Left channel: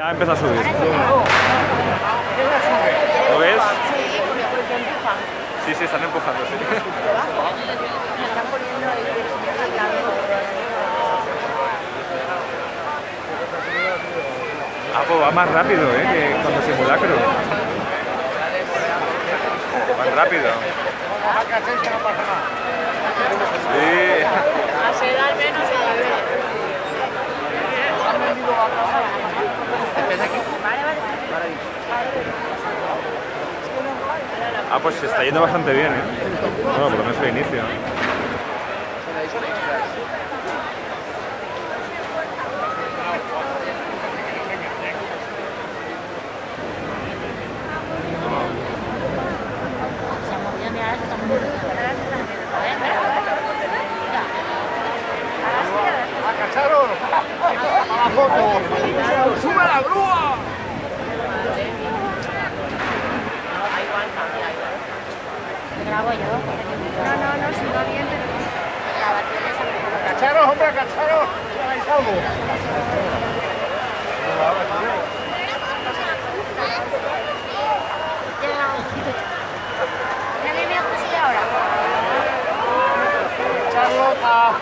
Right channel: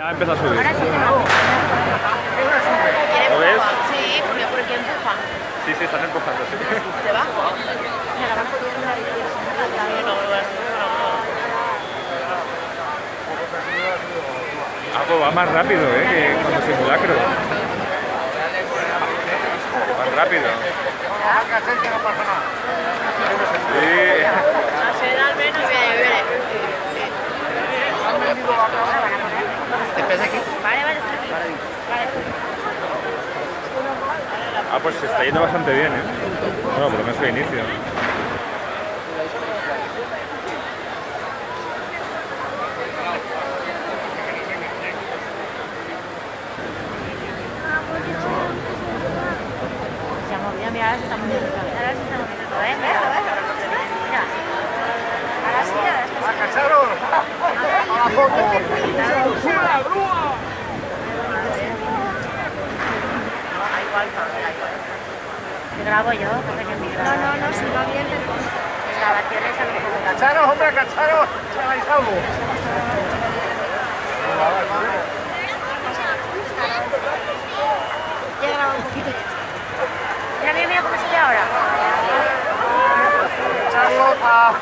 Ya empezó a subir. Ahora sí. ¿Lo ves? Sí, porque empuja. Sí, sí, están empujando, sí. Debajo. Me están poniendo ahí al lado de la grúa. Ah, pues va más rápido, que cuando simulacro. Más rápido. Vamos a casar que no pasa nada. Sí. A sedar menos. Vere. Han vendido la cabra. Vale. Ah, pues se está yendo bastante bien, Bueno, por lo menos el inicio. ¡A cacharos! ¡A la foto! ¡Sube a la grúa! Grabo yo. No, si no viene. ¡Cacharos, hombre, cacharos! ¿Sabéis algo? Ya viene a pasar ahora. Charlota.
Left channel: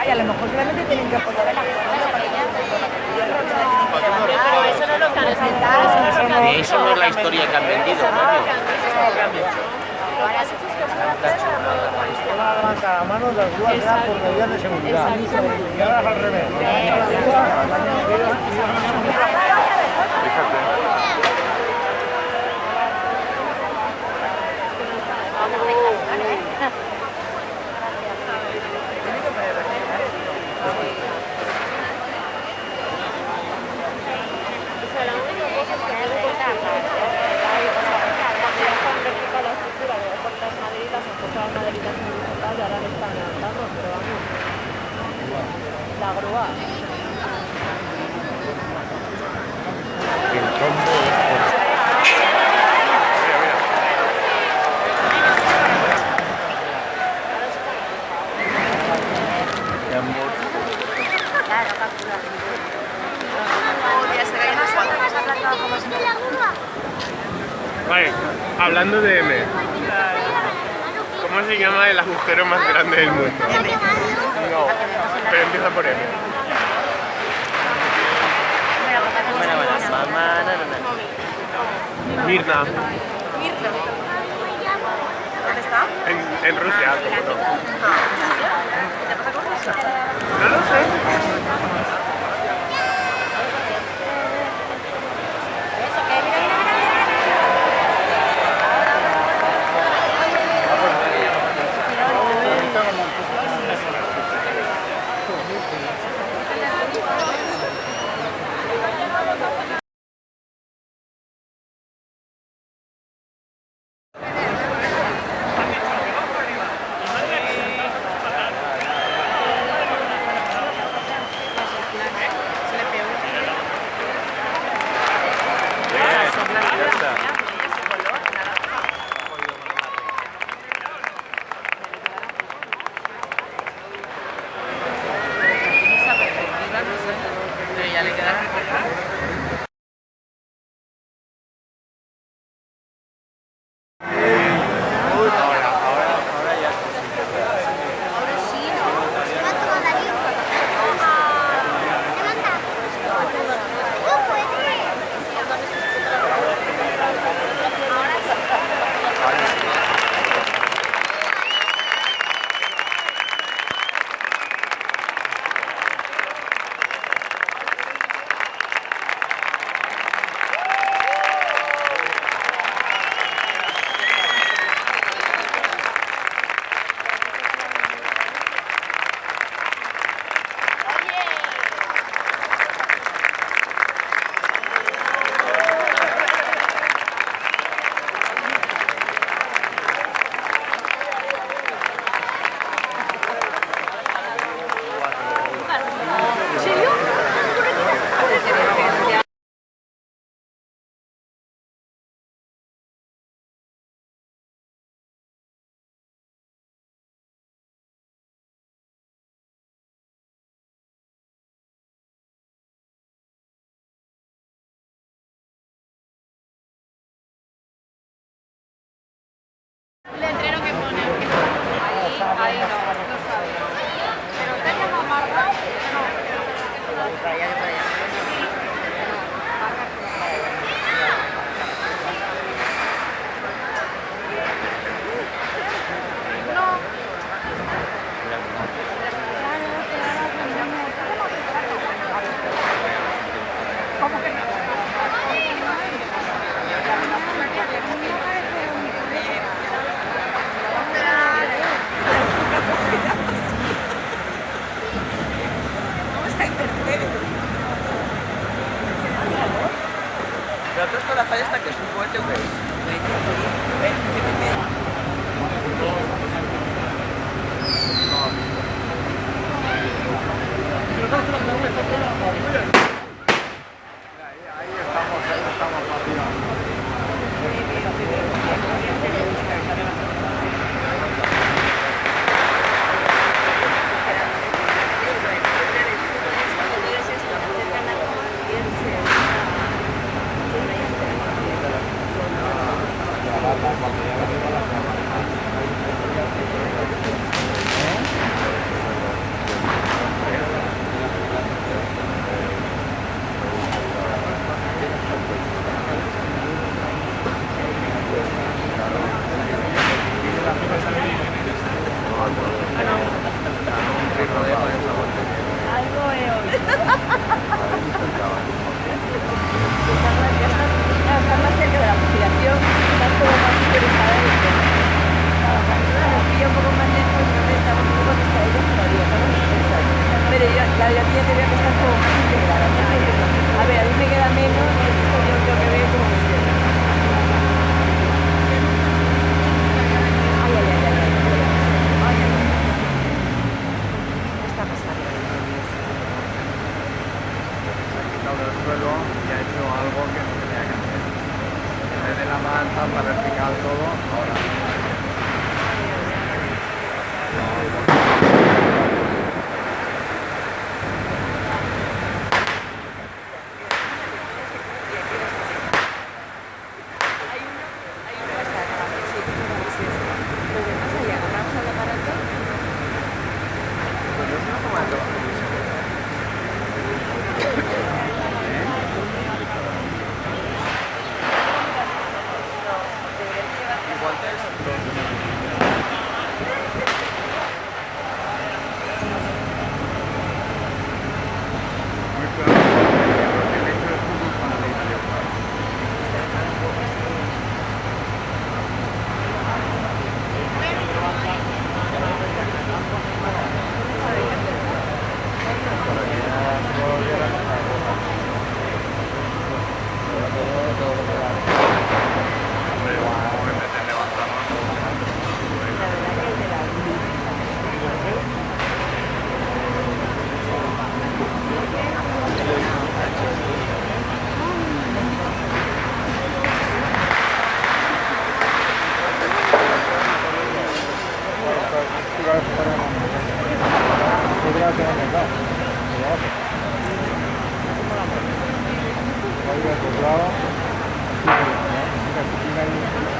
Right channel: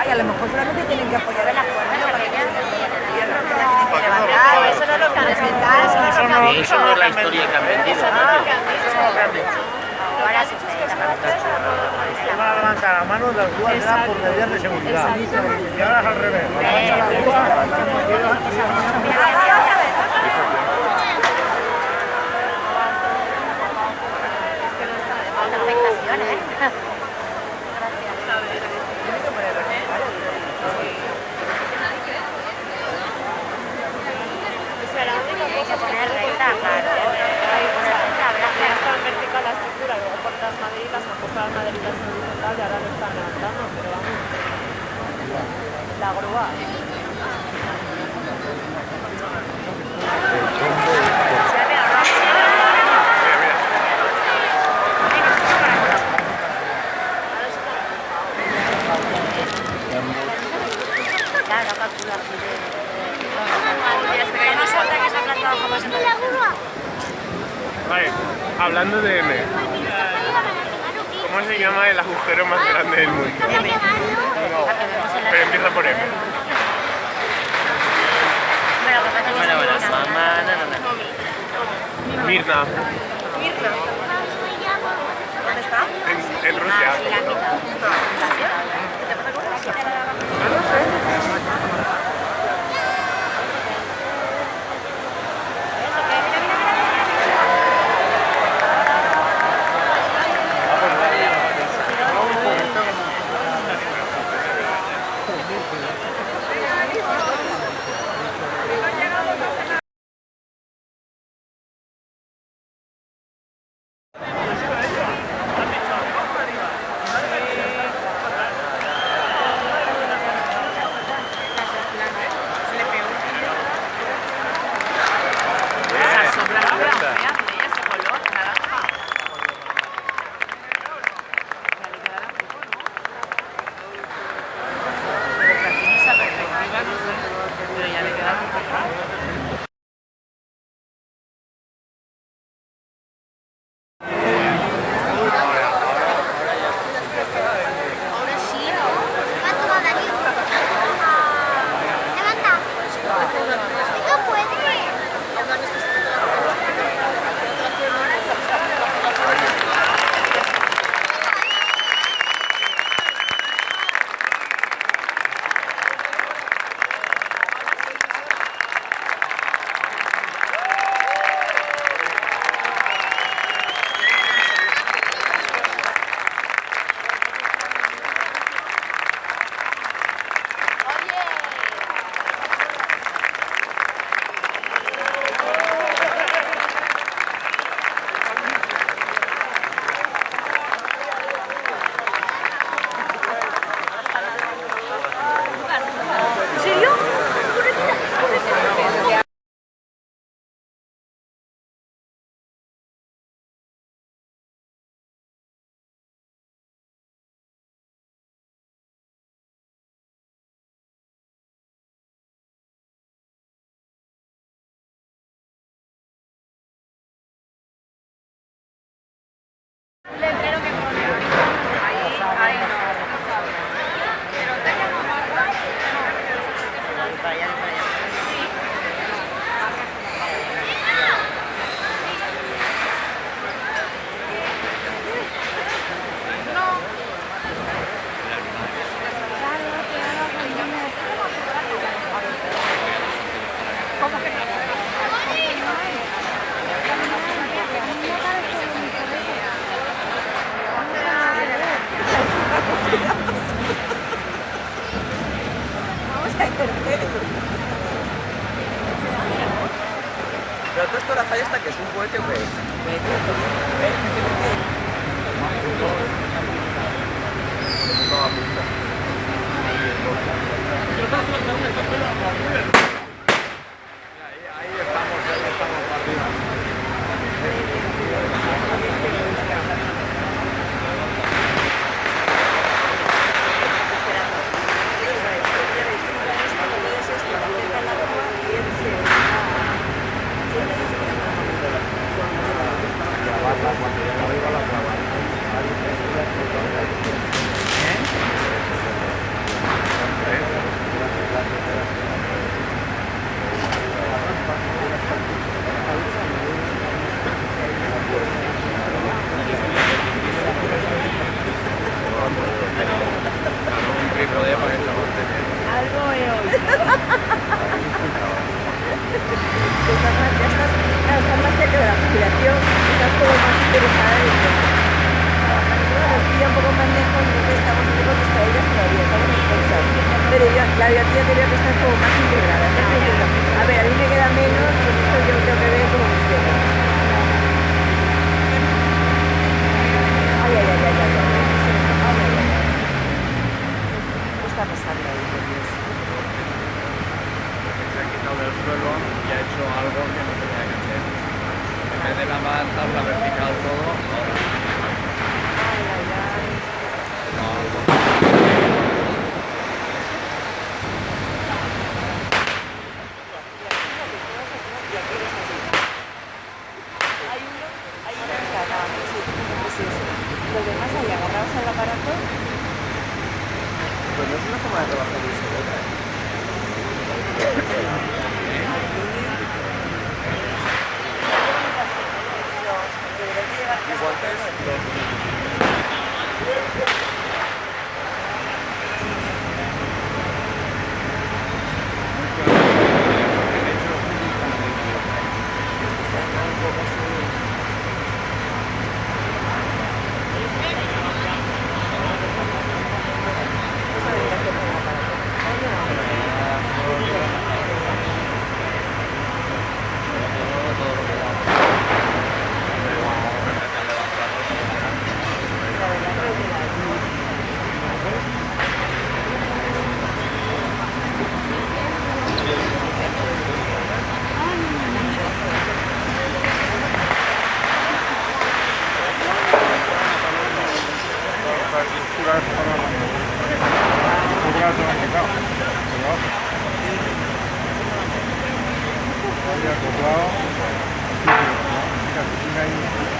Ay, a lo mejor solamente tienen que apoyar en la persona para que no tienen que levantar. Eso no es lo que han explicado. Eso no es lo que han historia vendido. que han vendido. Eso no es lo que han dicho. Lo que has dicho es que es una cosa Se van a levantar la mano de las grúas ya por medidas de seguridad. Y ahora es al revés. Nos levanta la grúa Fíjate. la única cosa es que no le cortar cuando ya está en vertical la estructura de cortas maderitas o cortar maderitas en horizontal y ahora le están levantando, pero vamos, la grúa. Hablando de M, ¿cómo se llama el agujero más grande del mundo? M. No, pero empieza por M. Bueno, mamá, no. Mirna, Mirna. ¿Dónde está? en Rusia. ¿Qué te pasa con Rusia? No lo sé. Ya está. lavarla cuando ya la arriba la lavar. Un rico de para que se aguante bien. Pero la biografía quería que esté todo más integrada. A ver, a mí me queda menos, pero yo creo que veo como funciona. Ay, ay, ay, ay, ay, ay. ¿Qué está pasando ahí? Se ha quitado del suelo y ha hecho algo que no tenía que hacer. En vez de lavar tabla vertical todo, ahora.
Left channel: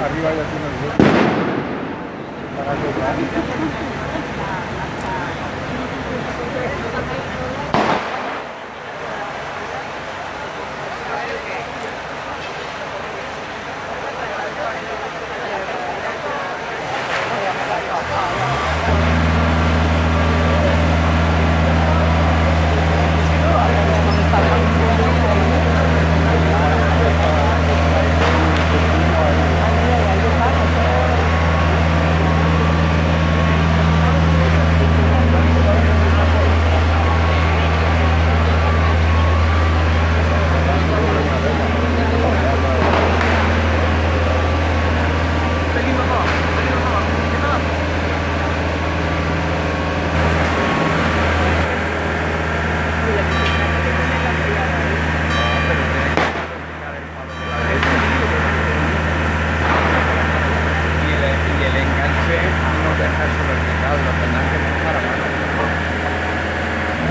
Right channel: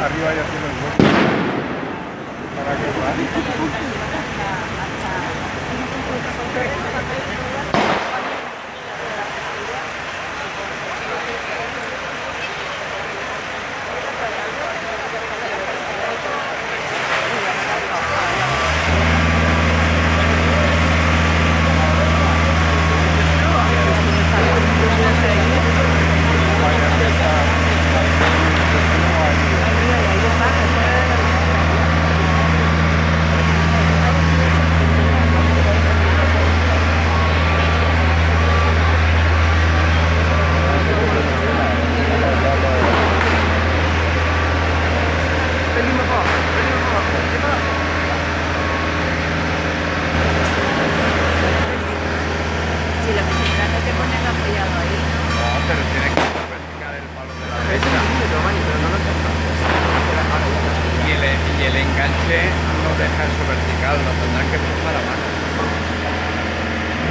Arriba ya tiene el hueco para acoplar.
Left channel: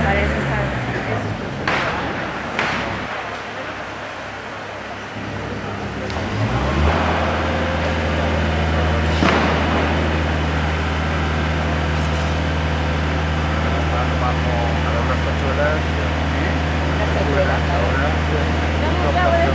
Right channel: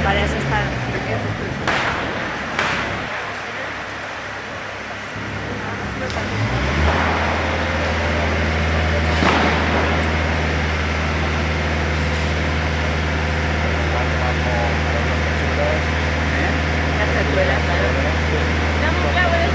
Vale, eso está. Las cachuelas, claro. Dame un clavo de 5.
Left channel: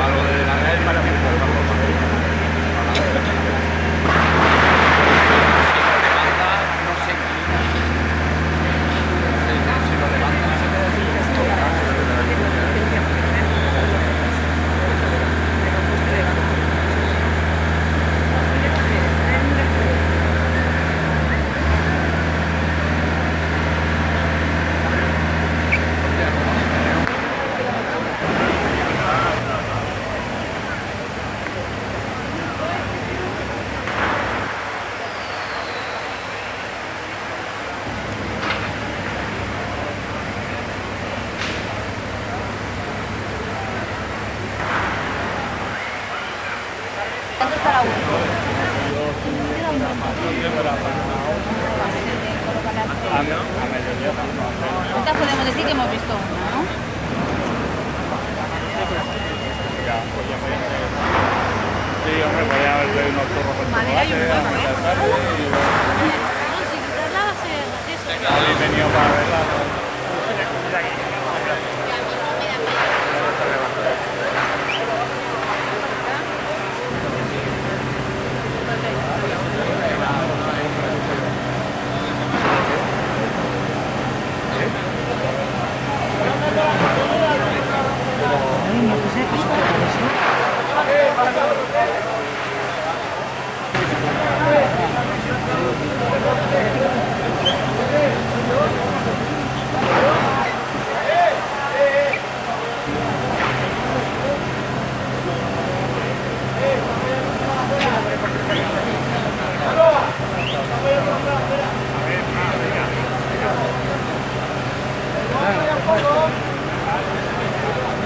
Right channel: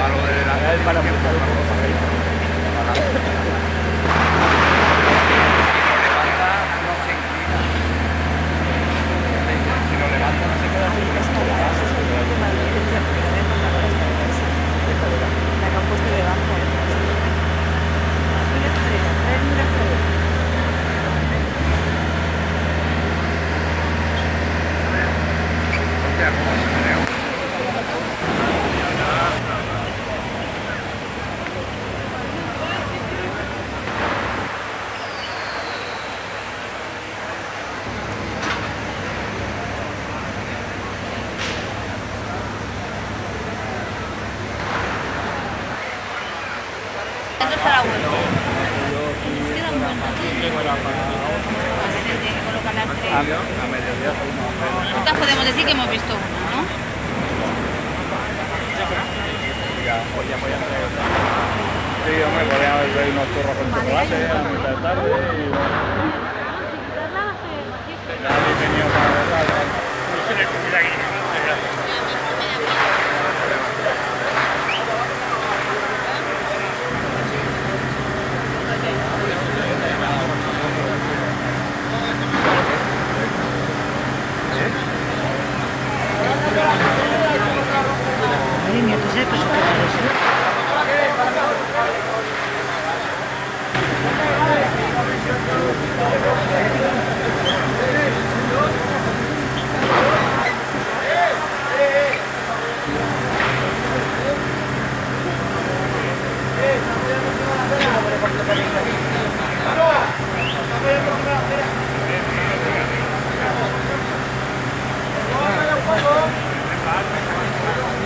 Algo de la calle para empujarlo para adelante. Si lo levanta, no se inclina. Si lo levanta, se queda así. Hostia, ¿cómo se menea? ¿Dónde está la vuelta? Queda un buen Nosotras podemos decir que hemos visto una, ¿no? Sí, hombre, ya hay más perros en chocolate, a mitad tarde y... Ya le he tenido para verla. Madre mía, ¿tú sabes qué es eso?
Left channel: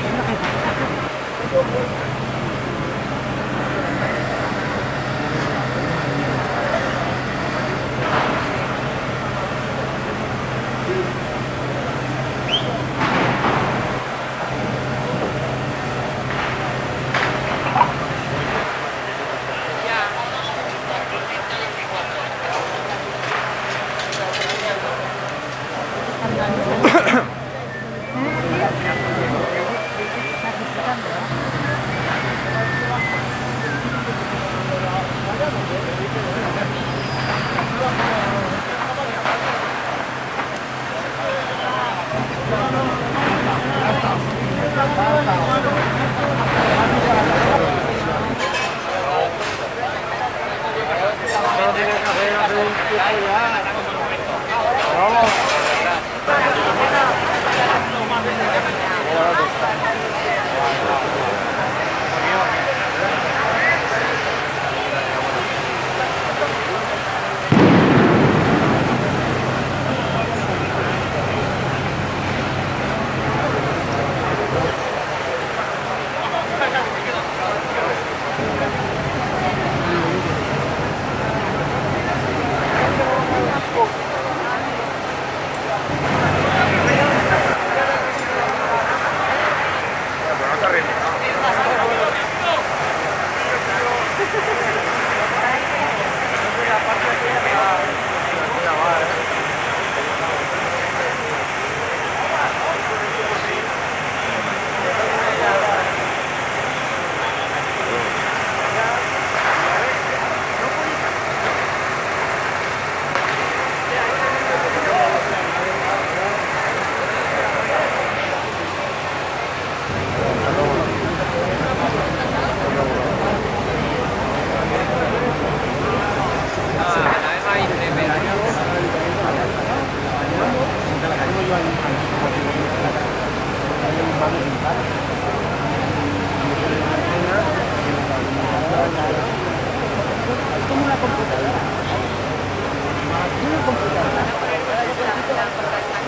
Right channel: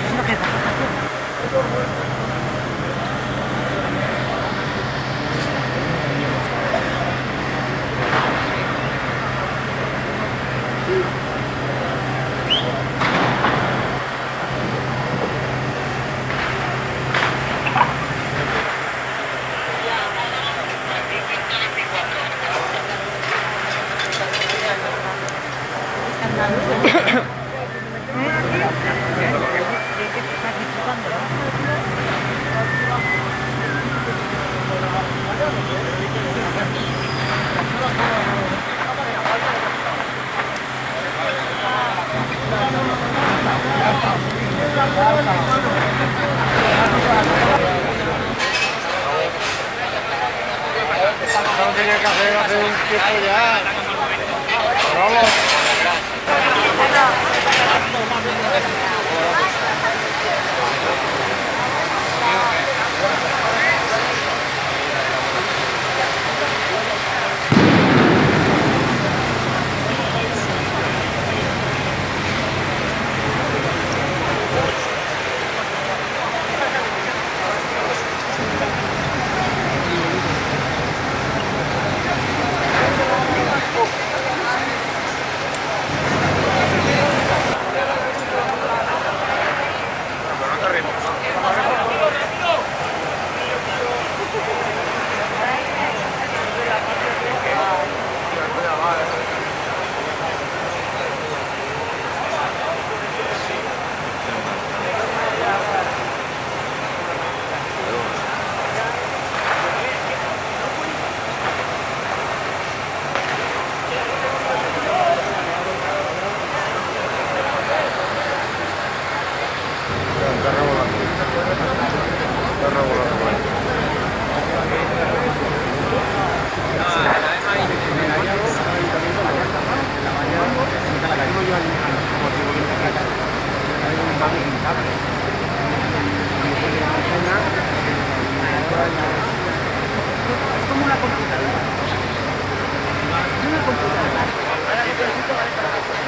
Es lo que pasa. Como una computadora. Una computadora. Cada botoncito vale para una cosa.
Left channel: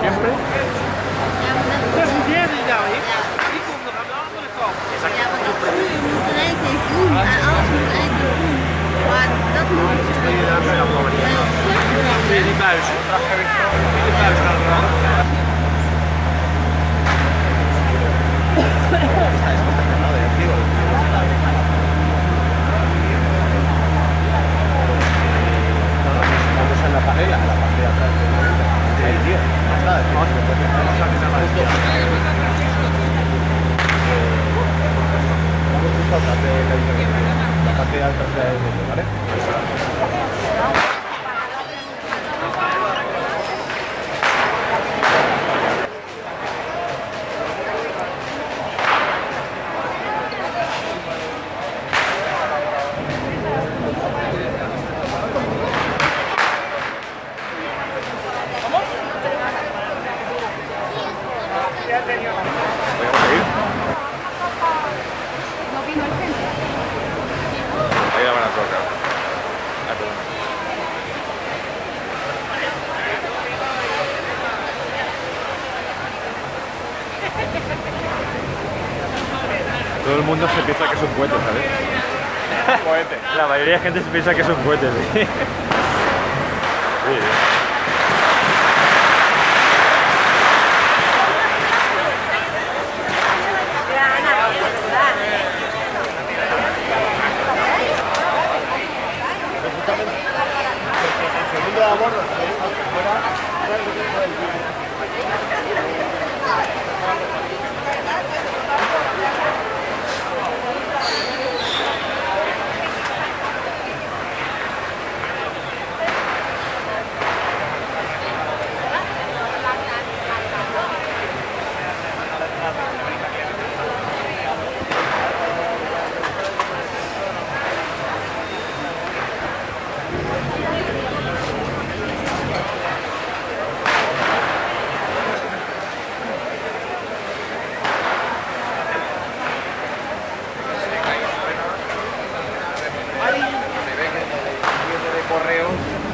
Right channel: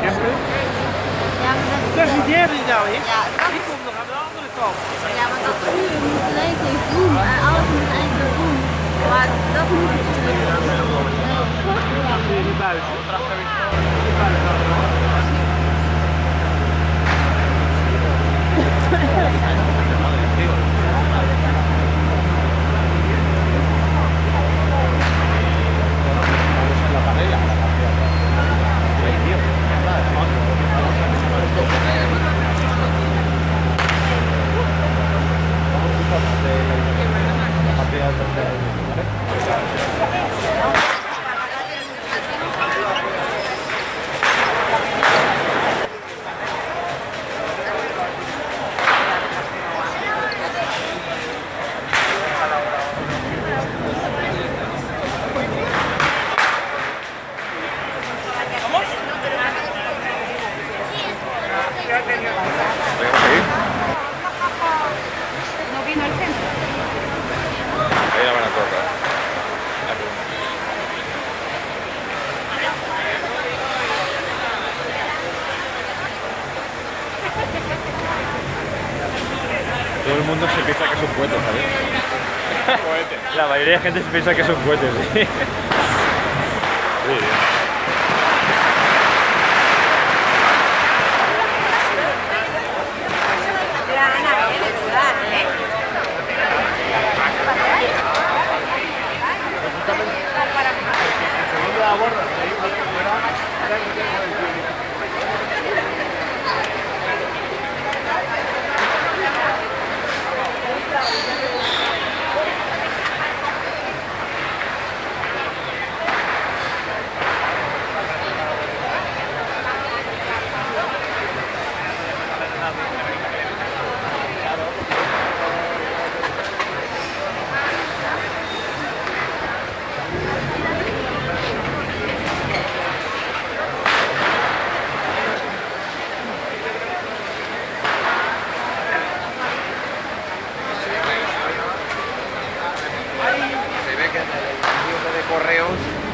Siempre. Dat is die derde dan, die komt nog aan de andere kant. Ja, maar dat groen moet in één keer groen en alles moet in één keer groen. Maar dat moet ik Die buis. Die buis naar de rand. Todo el mundo se piensa que es un cohete, ¿sabes? La mayoría de gente se piensa que es un cohete, sí. Sí, sí.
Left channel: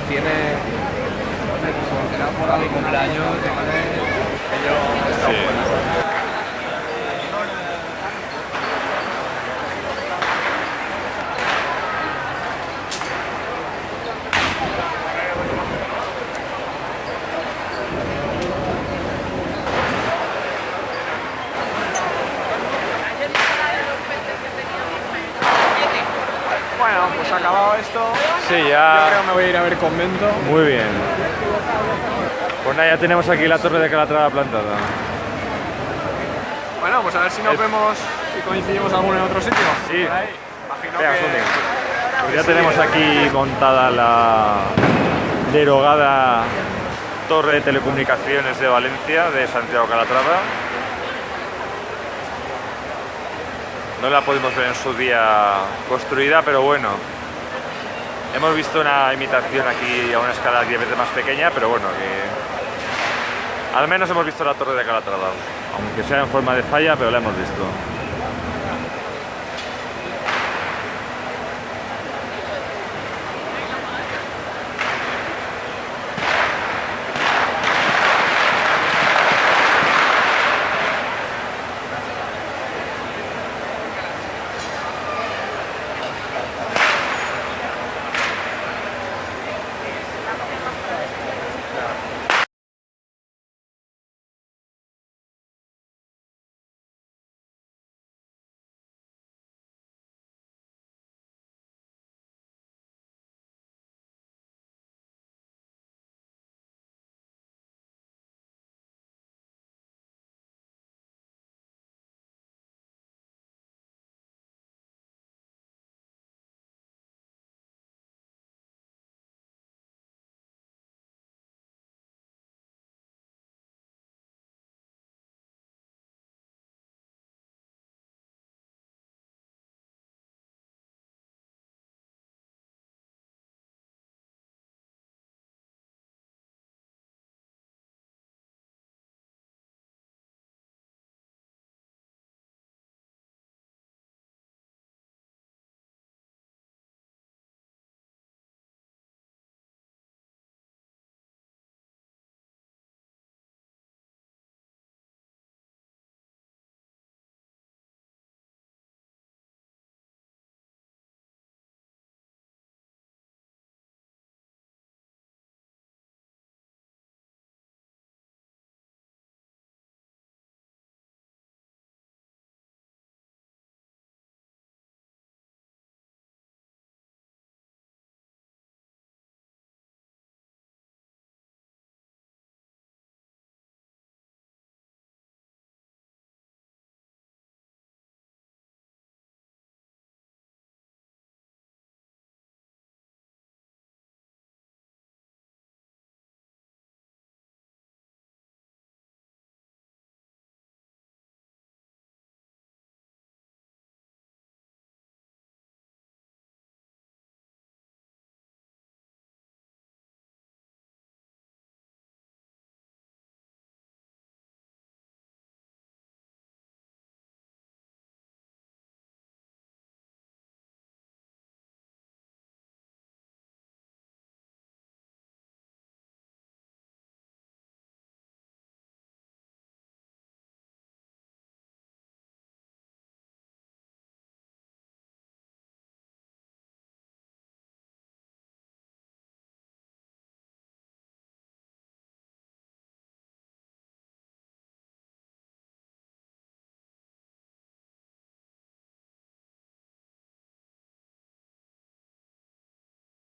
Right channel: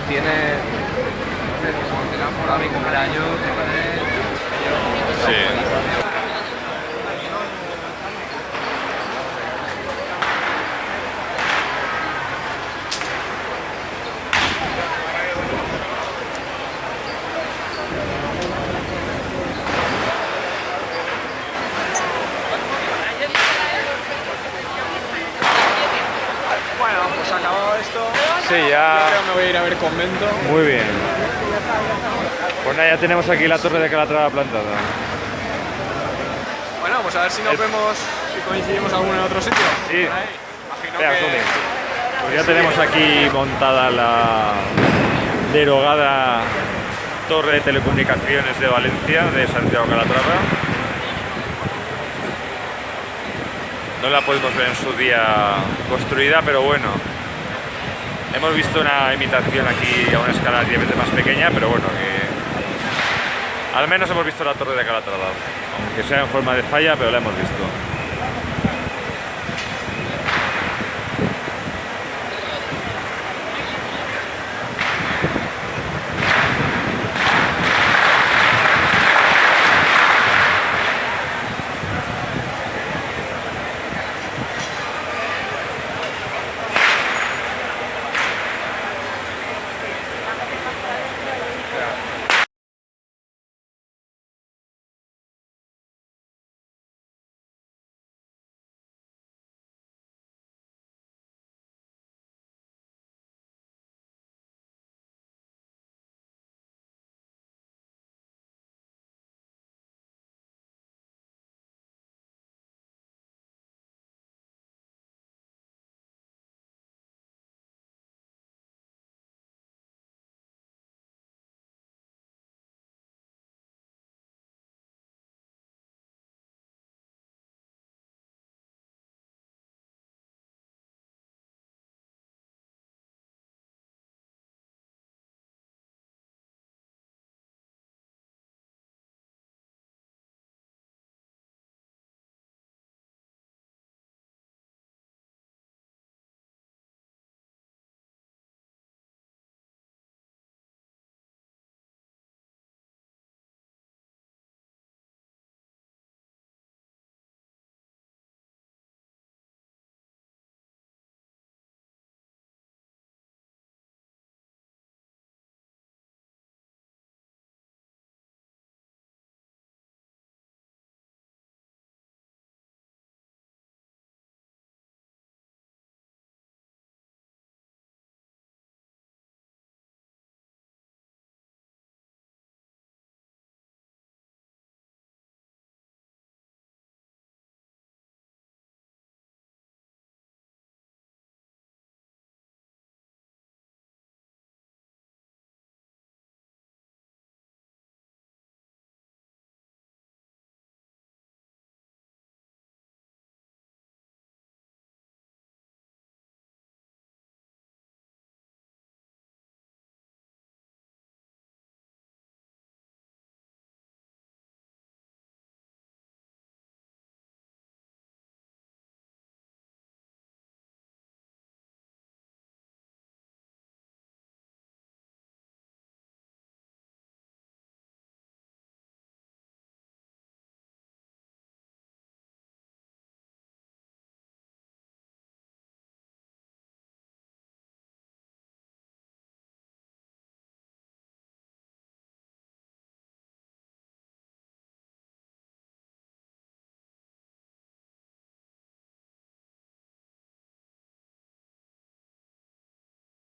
Tiene por mi cumpleaños. Sí. Sí, ya. Me voy a ir a ver convento. Muy bien. Pues nada, ya tenemos aquí la torre de Calatrava plantada. Bueno, pues a ver si nos vemos y coincidimos alguno en otro sitio. Sí. Espera, Sony. Pues ya tenemos aquí montada la derogada torre de telecomunicaciones de Valencia, de Santiago Calatrava. No la pudimos ver en su día construida, pero bueno. Hemos visto una imitación aquí a una escala 10 veces más pequeña, pero bueno, que al menos hemos visto la torre de Calatrava, aunque sea en forma de falla, pero la hemos visto.